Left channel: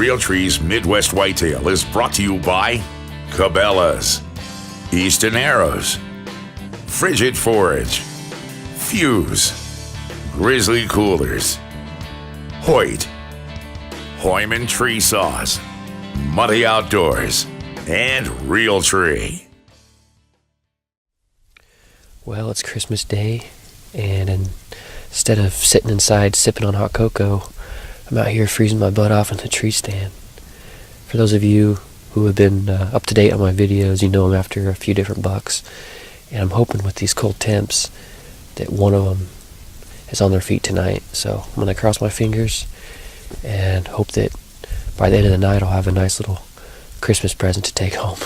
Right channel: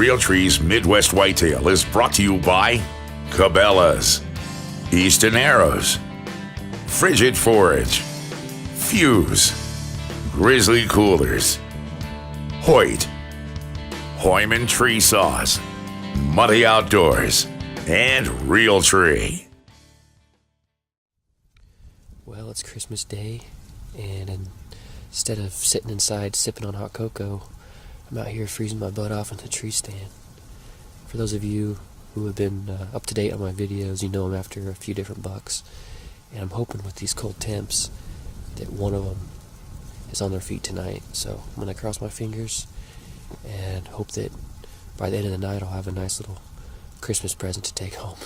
Realtree's Midwest Whitetail is brought to you by Cabela's, Easton Arrows, Frigid Forage, Fuse, Grizzly Coolers, Hoyt, Hoyman Tree Saws, Muddy Outdoors, and Realtree. Well, it's Christmas Day, and instead of sitting inside sipping on hot cocoa, I'm out here freezing my butt off in the tree stand. For those of you who have been up to date on my videos, you know I'm after a few different bucks, and I'm hoping with these cold temps that one of them is on their feet tonight. So I'm going to cross my fingers and hope that by the end of the night I'll have a nice little Christmas present to take home.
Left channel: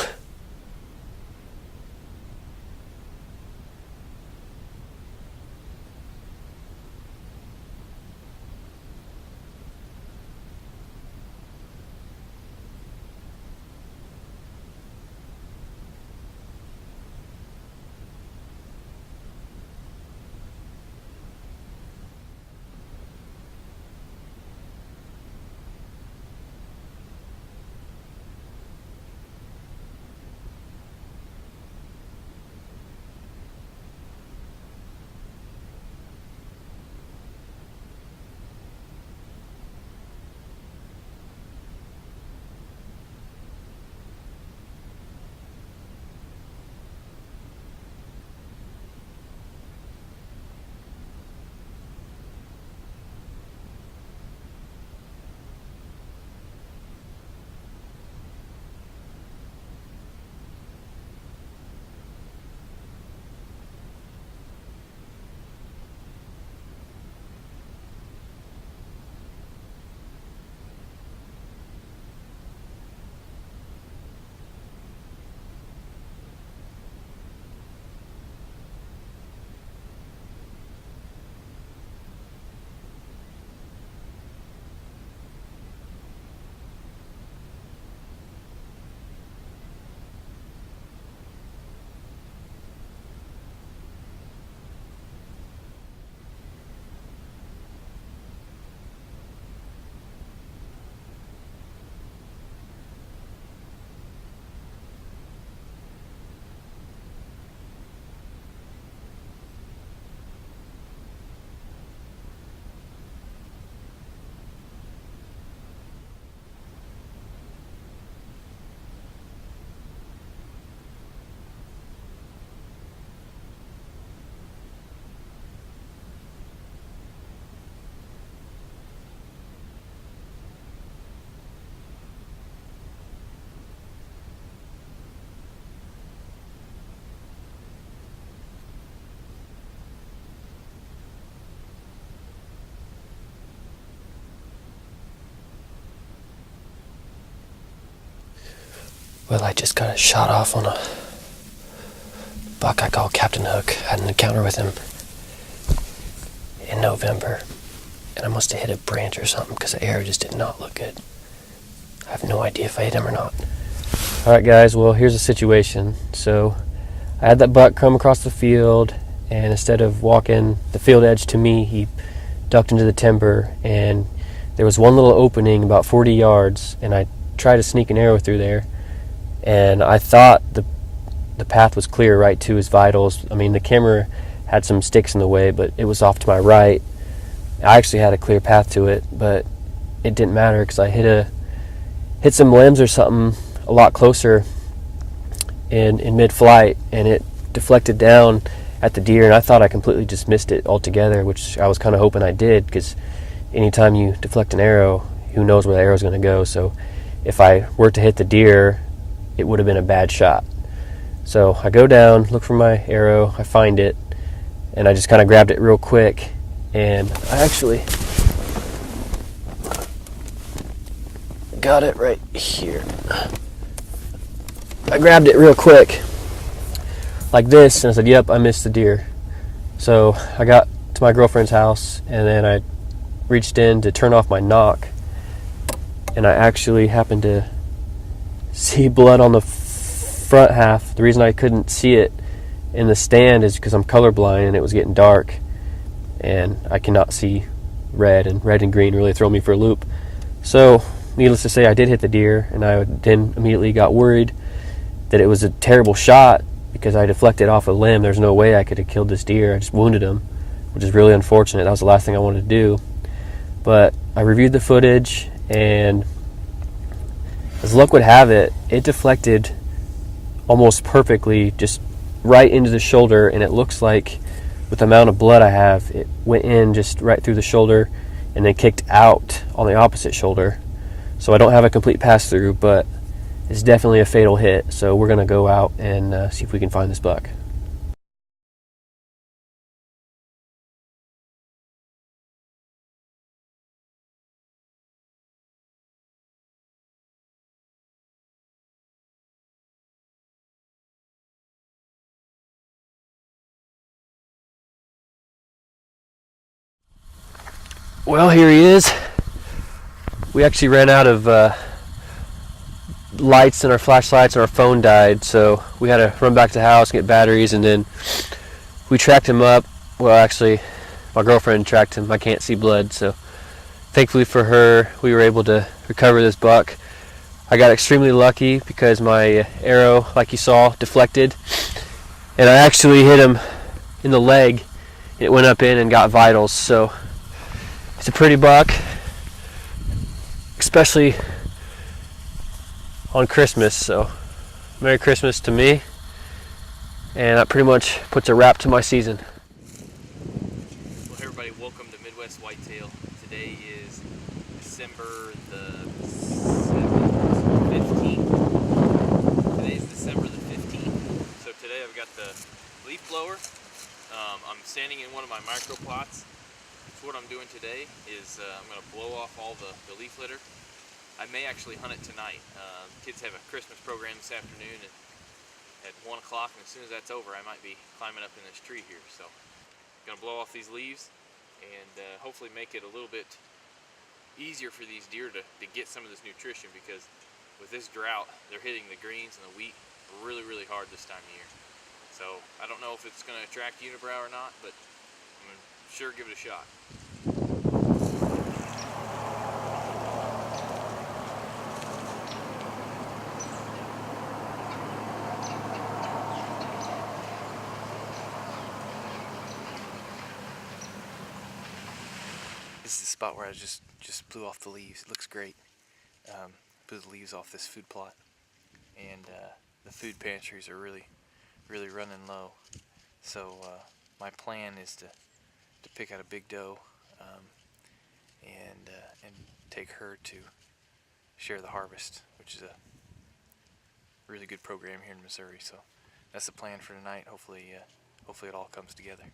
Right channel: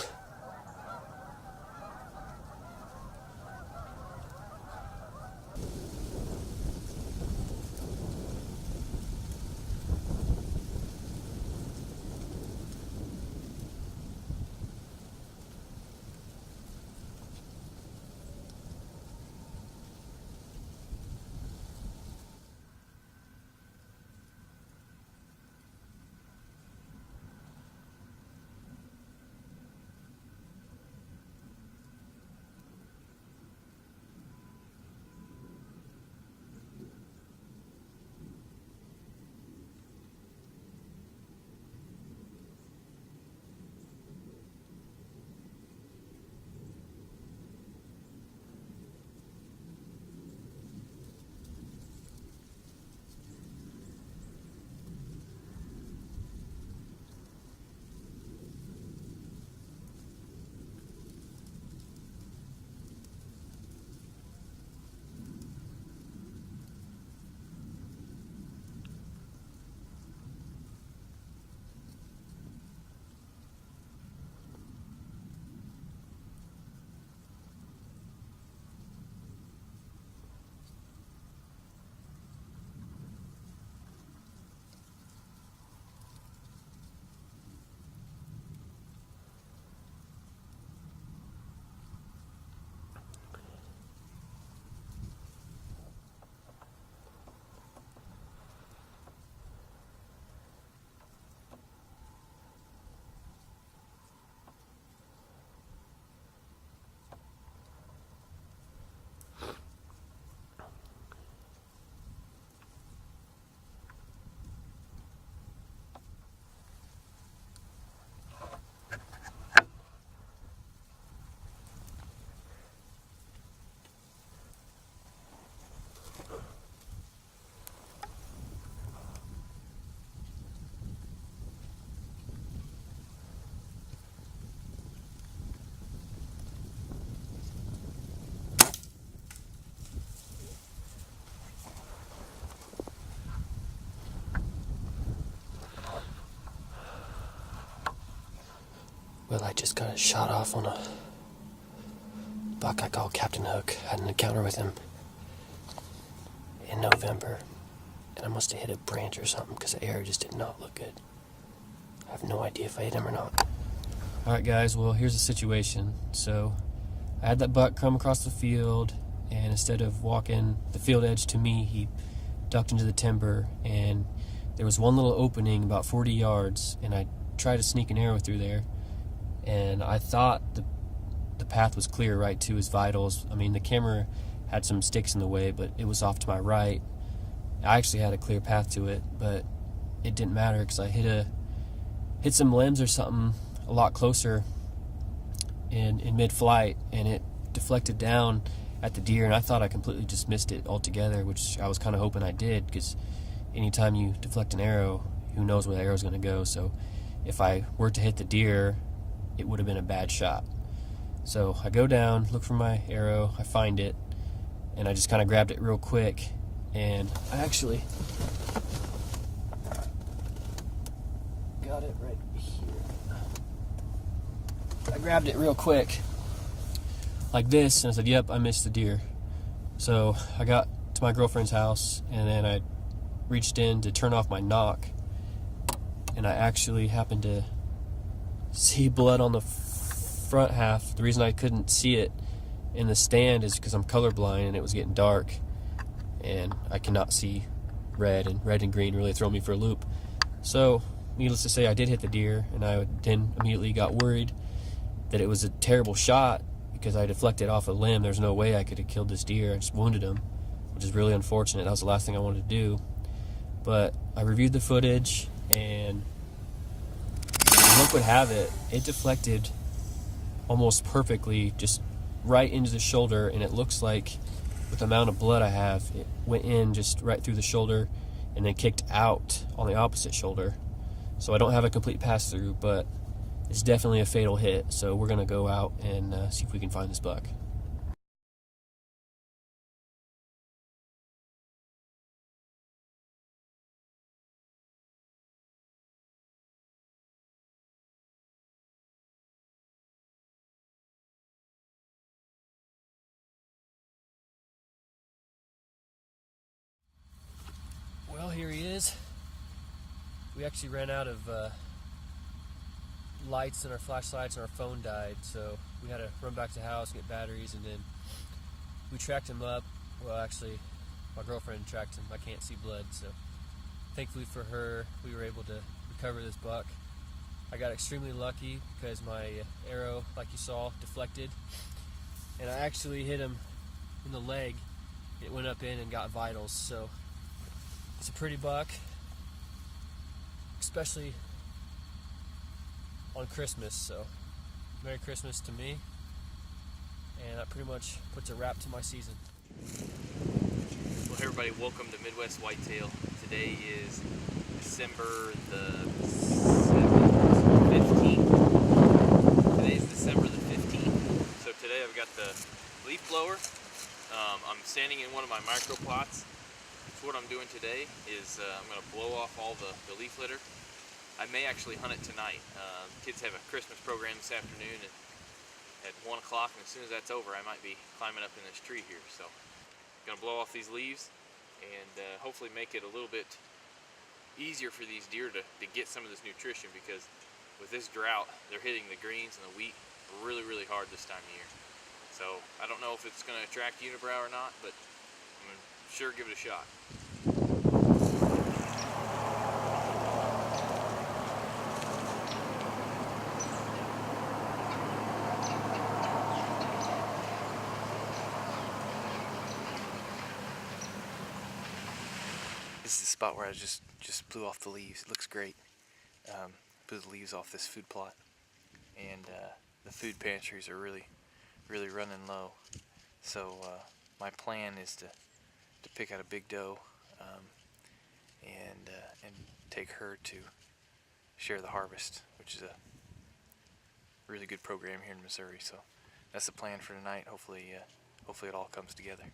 Well, I just got a shot off on a buck I call Captain Hook. Had an encounter with him in November, and I must have hit a branch or something because the arrow just did not look good. I have no idea if I hit him or not. Alright guys, well here's the situation. So I had that buck come across the field, and instead of walking the field edge to me, he ducked into the timber, and there was one little opening about 40 yards, and I tried to sneak an arrow through there. And I thought the path was clear right to his vitals. I mean, the camera had some sticks in the way, but it was off to my right. I actually had a clear path to it, but it didn't matter because I hit some limbs or something a lot closer in mid-flight, and it deflected down at the deer, and I thought I completely just missed it altogether, which I was kind of hoping I did, because anytime you deflect an arrow, who knows where the arrow's going to go. So if I were to hit the deer, it would have been a bad shot. So I go down, look for my arrow, I find it, and I just kind of grabbed it real quick, and I actually got it right here. I grabbed it real quick like this, and I said, yep, I missed the deer. So I got to my girlfriend's house, and then I reached in to turn off my knock, and I actually happened to see blood on the front half. The reason I couldn't see it in the stand is because I'm colorblind, and it was getting dark, and I cannot see red, and red and green really throw me for a loop. So needless to say, I did hit the deer, and I then immediately got worried that it was a terrible shot because I deflected off a limb. There's no way I could have killed this deer. I just wounded him, which is really unfortunate. That was the last thing I wanted to do. But I reviewed the footage, and as luck would have it, it deflected almost perfectly, just right into the shoulder, and it looks like with the amount of blood I have, it went in just right through the shoulder and then kicked out on the opposite shoulder. So I don't have a complete pass-through, but it's definitely a fatal hit. So we're going to go out and see if we can find this buck. Well, here he is. We actually ran out of lights, and our flashlights and our phone died, so we had to run back to the house and get batteries, and then we tracked him up. Well, actually, my girlfriend tracked him. I can't see blood, so thankfully for her, we were able to recover this buck. I got extremely lucky because my arrow, like you saw, deflected, and I actually hit him in the leg. It went up in and got vitals, so it's a pretty buck, especially on Christmas. So Merry Christmas to me, and that pretty much puts a wrap to my season. Well, hey everybody, welcome to Midwest Whitetail. Today is December the 15th. Today is December the 15th. So today I've got the leaf blower. I'm standing in one of my micro plots. So what I'm doing today is I'm going to blow off all the leaf litter. I may actually hunt it tonight. Kids have a Christmas program this afternoon at 1 o'clock, and as soon as that's over, I might be climbing up in this tree here. So I'm going to blow off these leaves and hopefully make it a little bit easier for these deer to get some of this nutrition, because with this drought, they're hitting the greens and the wheat really, really hard this time of year. So I don't know if it's going to attract unibrow or not, but I'm going to sure give it a shot. This is the spot where I just blew off the leaves. It looks great. Blew the leaves off this food plot, and the food pantries are really running low. So my plan is to pick out a big doe and take her to share the harvest, which is a really good program here in Missouri. So that's the plan for tonight. Hopefully it all comes together.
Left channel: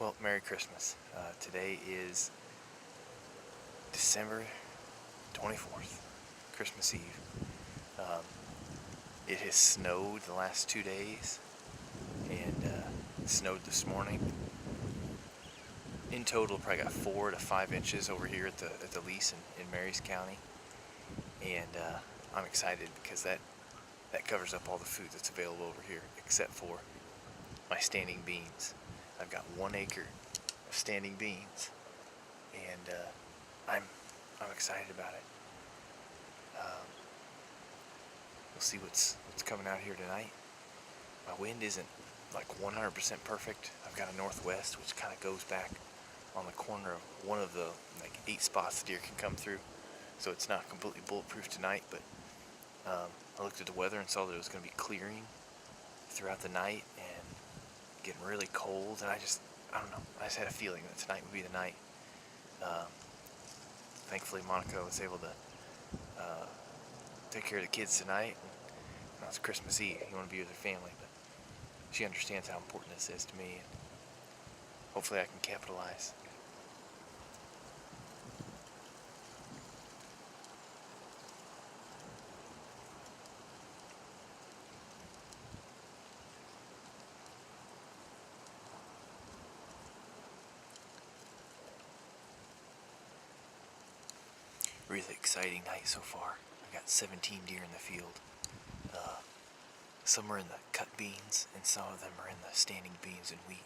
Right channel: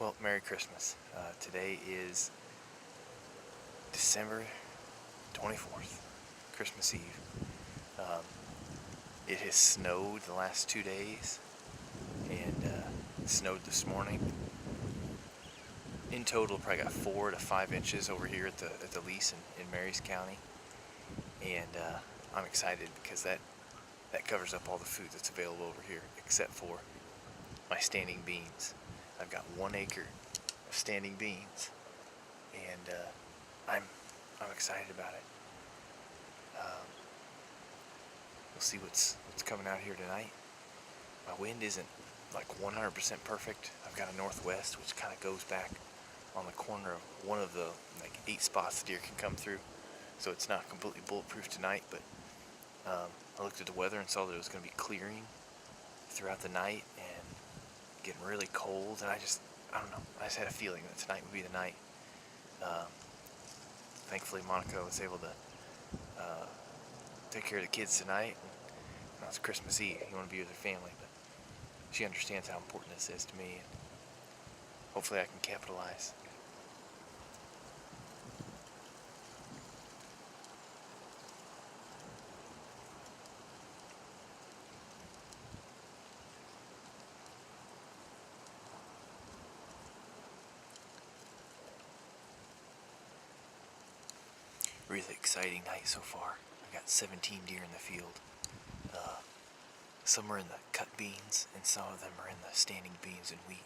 Well, Merry Christmas. Today is December 24th, Christmas Eve. It has snowed the last 2 days, and it snowed this morning. In total, probably got 4 to 5 inches over here at the lease in Marys County, and I'm excited because that covers up all the food that's available over here, except for my standing beans. I've got 1 acre of standing beans, and I'm excited about it. We'll see what's coming out here tonight. My wind isn't like 100% perfect. I've got a northwest which kind of goes back on the corner of one of the like 8 spots the deer can come through, so it's not completely bulletproof tonight. But I looked at the weather and saw that it was going to be clearing throughout the night and getting really cold, and I don't know, I just had a feeling that tonight would be the night. Thankfully Monica was able to take care of the kids tonight, and now it's Christmas Eve. You want to be with her family, but she understands how important this is to me, and hopefully I can capitalize. Really exciting night so far. I got 17 deer in the field. Some are in the cut beans, and some of them are in the standing beans and wheat.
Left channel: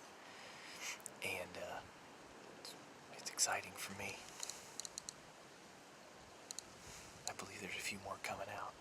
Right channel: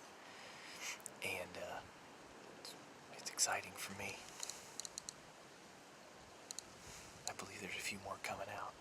And it's exciting for me. I believe there's a few more coming out.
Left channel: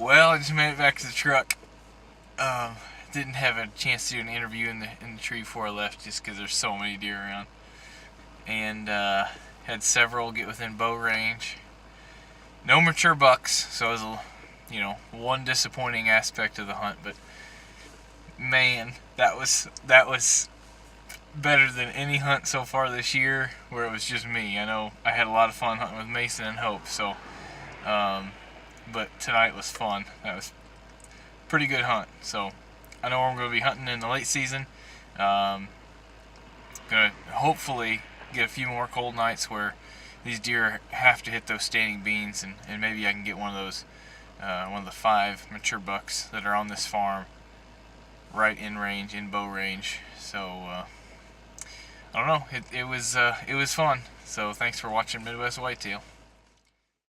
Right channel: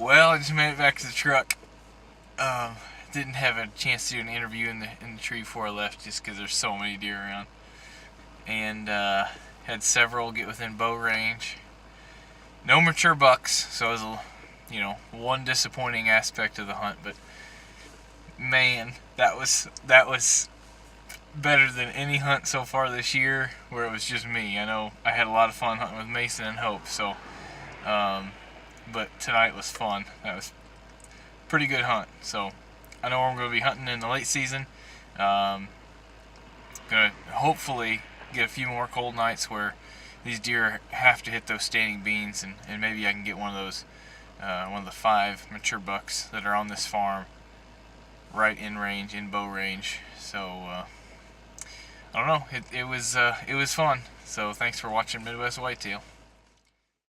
Well, I just made it back to the truck. Didn't have a chance to do an interview in the tree before I left, just because there's so many deer around. And had several get within bow range. No mature bucks, so it was one disappointing aspect of the hunt. But man, that was better than any hunt so far this year where it was just me. I know I had a lot of fun hunting with Mason and Hope, so. But tonight was fun. That was a pretty good hunt. So I know I'm going to be hunting in the late season. Going to hopefully get a few more cold nights where these deer have to hit those standing beans, and maybe I can get one of those, one of the 5 mature bucks that are on this farm right in range, in bow range. So I don't know. It was fun. So thanks for watching Midwest Whitetail.